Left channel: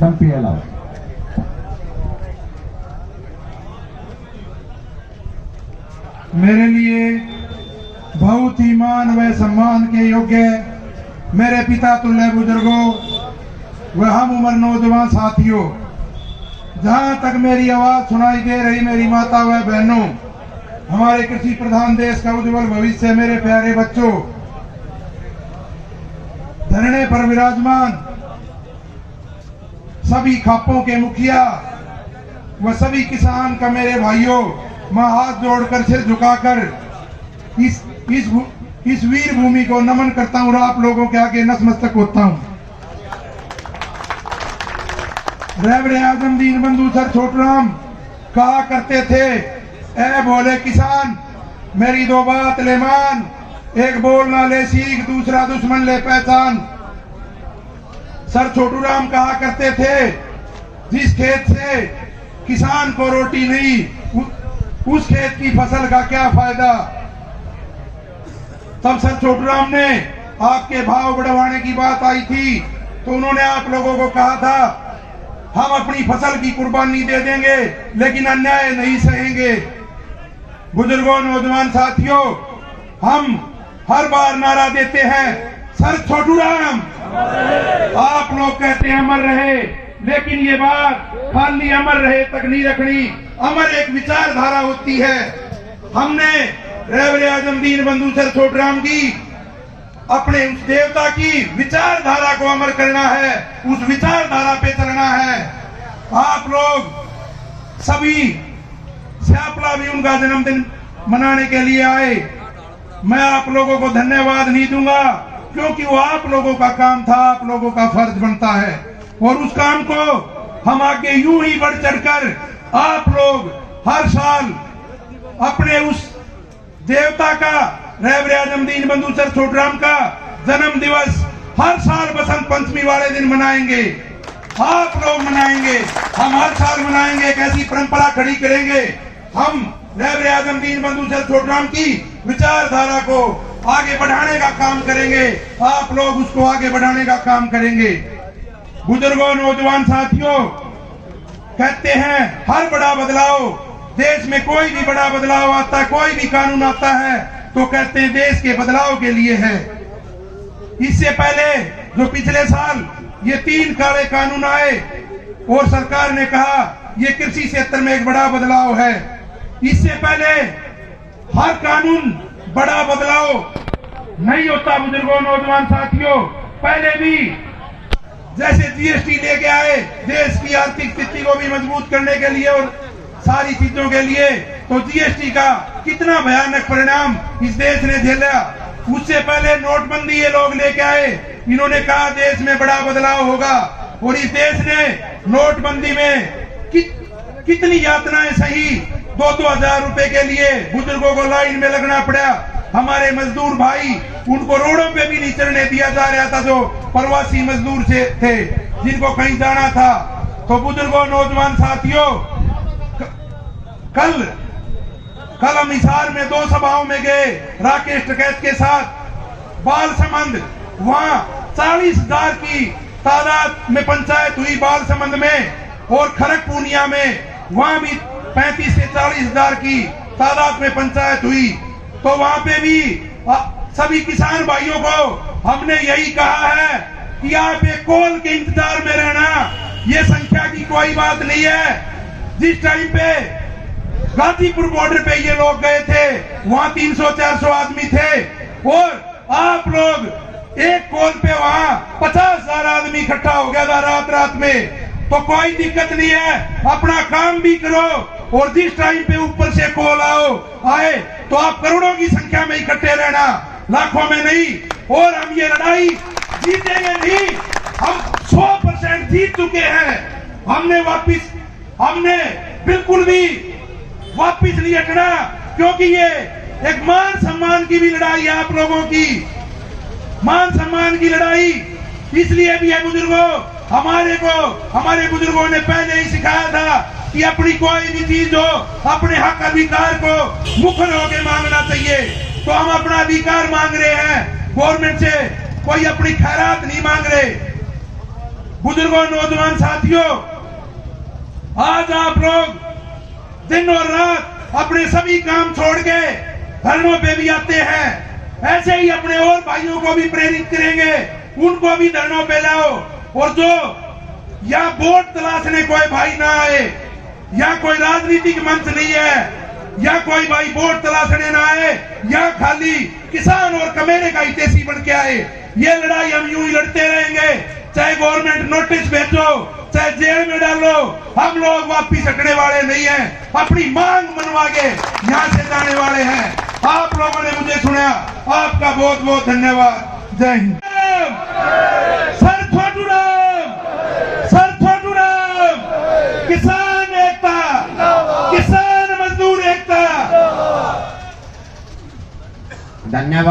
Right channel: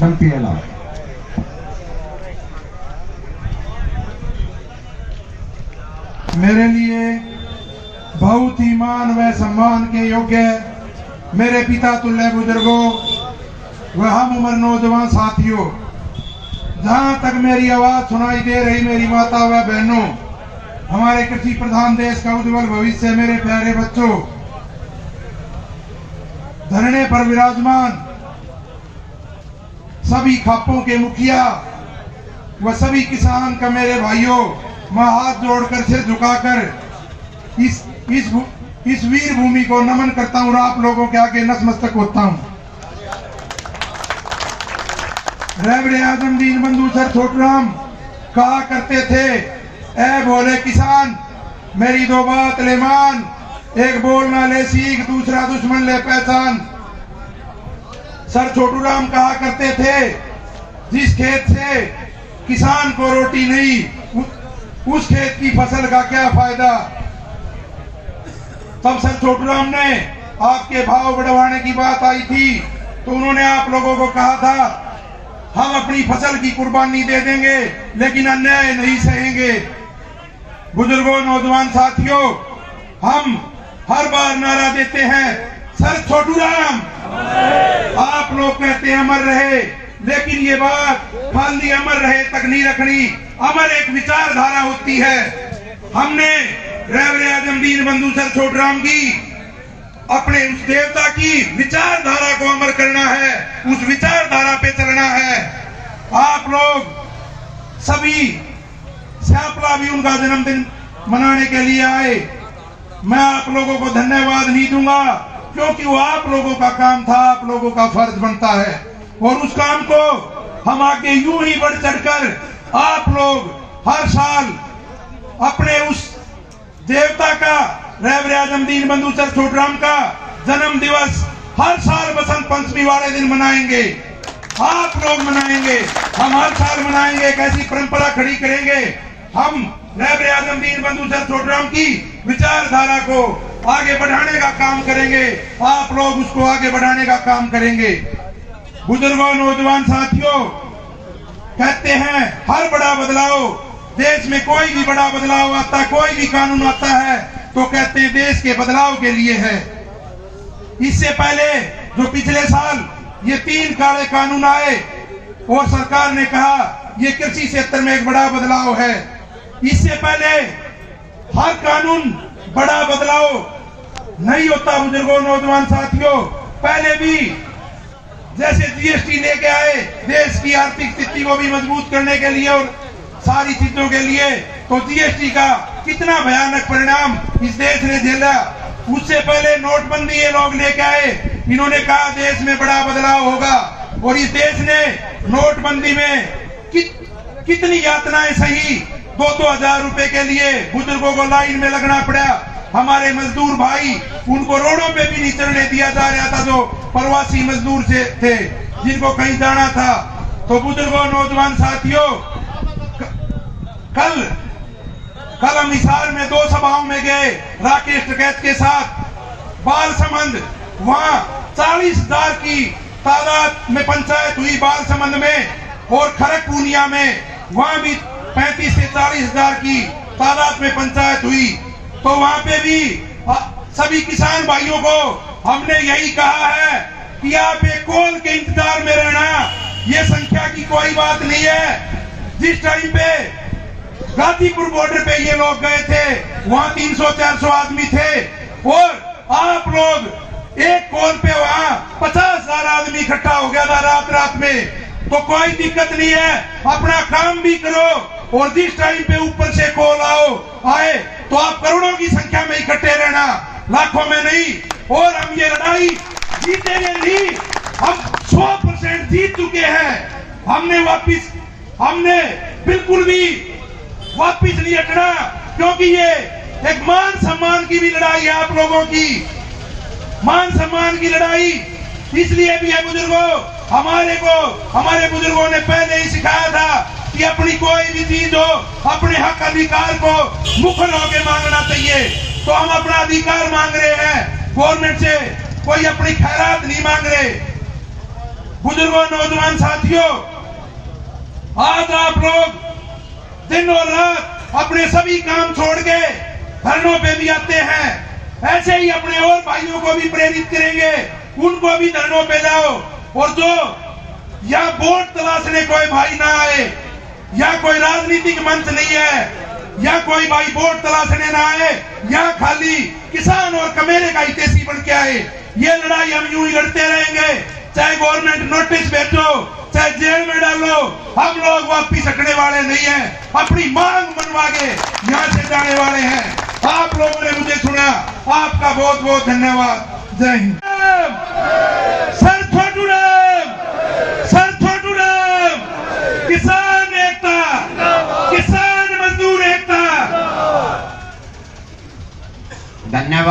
बनती है लाभ। मेरे लिए बहुत ही मान व सम्मान के योग्य मेरे पिता तुल्य बुजुर्गों व हम उम्र नौजवान साथियों, जहां तक मेरी आवाज सुनाई दे रही मेरी माता व बहनों, हमारे कृषि प्रधान देश का उज्जवल भविष्य, मेरे प्यारे बच्चों, धरने पर विराजमान सभी खापों के मुखिया व सभी किसान का मेरे भाइयों, मैं हाथ जोड़कर सिर झुकाकर इस वीर भूमि को नमन करता हूं और आप लोगों के आगे नतमस्तक होता हूं। रेवड़े आजम दीन बंधु सर छोटूराम कहा करते थे, ऐ भोले किसान मेरी दो बात ले मान, एक बोलना ले सीख दूसरा दुश्मन ले पहचान। सर छोटूराम कहा करते थे, जिस खेत से किसान को रोटी नहीं उस खेत की फसल का क्या फायदा। तब सर छोटूराम ने आपके भाव बढ़वाने की बात आई थी तो उन्होंने आप लोगों को कहा था, हम अपनी फसल की कुर्बानी दे देंगे लेकिन अन्याय नहीं सहेंगे। बुजुर्गों, नौजवान साथियों, हम हर बार नारा देते हैं, सर छोटूराम, आप लोग कहते हैं अमर रहे, लेकिन ये बात खाली अमर रहे तक नहीं रखनी। अमर एक विचारधारा होती है। हमने रेवड़े आजम दीन बंधु सर छोटूराम की अपने उस देवता की विचारधारा को अमर करना है, उस विचारधारा पे चलना है। आप लोग सभी श्यापला भी उनका जन्मदिन मनाने के लिए आए। मैं आप लोगों को धन्यवाद नहीं दूंगा क्योंकि वो आप लोगों का काम था, आप लोगों का फर्ज बनता है और उस काम को हम आगे यूं ही बढ़ चढ़कर आप लोग हर साल अपने उस देवता का, रेवड़े आजम दीन बंधु सर छोटूराम का जन्म दिवस हर साल बसंत पंचमी वाले दिन मनाएंगे। आप लोग मनाएंगे, हम हर साल मनाएंगे, एक ऐसी परंपरा खड़ी करेंगे। हम रेवड़े आजम दीन बंधु सर छोटूराम की विचारधारा को आगे बढ़ाने का काम करेंगे, आप लोग उसको आगे बढ़ाने का काम करेंगे। बुजुर्गों, नौजवान साथियों, कहते हैं हर बड़ा बदलाव, देश में कोई भी बड़ा बदलाव आता है, कोई भी कानून आता है तो कहते हैं देश के बदलाव के लिए है। इससे पहले जो पिछले साल ये 3 काले कानून आए और सरकार ने कहा ये कृषि क्षेत्र में एक बड़ा बदलाव है। इससे पहले हर कानून बड़ा बदलाव नहीं होता। बुजुर्गों, नौजवान साथियों, पहले भी जैसे जीएसटी लेके आए देश की आर्थिक स्थिति को भी मजबूत करने के लिए और सारी चीजों के लिए, तो जीएसटी का कितना भयानक परिणाम इस देश ने झेला। उससे पहले नोटबंदी ये लोग लेके आए, इन्होंने कहा देश में बड़ा बदलाव होगा और इस देश ने नोटबंदी में कितनी यातनाएं सही। 2-2 हजार रुपए के लिए बुजुर्गों को लाइन में लगना पड़ा। हमारे मजदूर भाई, उनको रोडों पे भी नहीं चढ़ने दिया जा रहा था, जो प्रवासी मजदूर से थे जिनको कहीं जाना था। तो बुजुर्गों, नौजवान साथियों, कल हम हिसार में 2 सभाओं में गए राकेश टिकैत के साथ। बालसमंद, वहां 40,000 की तादाद में पंचायत हुई बालसमंद में, और खड़गपुनिया में वहां भी 35 से 40,000 की तादाद में पंचायत हुई। तो वहां पे भी सभी किसान भाइयों को हमने यही कहा है कि आप एक कॉल के इंतजार में रहना, ये संख्या की कोई बात नहीं है। जिस टाइम पे गाजीपुर बॉर्डर पे ये लोग गए थे वहां 300-400 आदमी थे और आप लोग एक कॉल पे वहां 50,000 आदमी इकट्ठा हो गया था रात में। तो कोई दिक्कत नहीं है, अपना काम भी करो और जिस टाइम पे ऊपर से कॉल आए तो आप करोड़ों की संख्या में इकट्ठे रहना, लाखों में नहीं। और हम ये लड़ाई जीतेंगे नहीं, हम 100% जीत चुके हैं। हमने बिल्कुल भी वापिस नहीं हटना, क्योंकि ये एक मान सम्मान की भी लड़ाई है, आप लोगों की मान सम्मान की लड़ाई इसलिए भी है। बुजुर्गों, हमारे बुजुर्गों ने पहले ही सिखाया था कि अपनी कोई भी चीज हो, अपने हक अधिकार को मुखर होकर मांगना चाहिए। तो हम अपना अधिकार मांग रहे हैं, गवर्नमेंट से कोई अपनी खैरात नहीं मांग रहे। बुजुर्गों, नौजवान साथियों, आज आप लोग दिन और रात अपने सभी काम छोड़ के धरनों पे भी आते हैं। ऐसे ही अपने और भाइयों को भी प्रेरित करेंगे, उनको भी धरनों पे लाओ। और जो या वोट तलाशने कोई भाई ना आए, या कोई राजनीतिक मंच नहीं है, या कोई भाई वोट तलाशने ना आए, या खाली किसान और कमेरे का हितैषी बन के आए, ये लड़ाई हम यूं ही लड़ते रहेंगे। चाहे गवर्नमेंट नोटिस भेजो, चाहे जेल में डालो, हम लोग वापिस हटने वाले नहीं हैं। अपनी मांग मनवा के यहाँ से जाने वाले हैं। आप लोगों ने मुझे सुना, आपका बहुत बहुत धन्यवाद। जय हिंद। सर छोटू राम, सर छोटू राम, किसान एकता, किसान मजदूर एकता। धन्यवाद।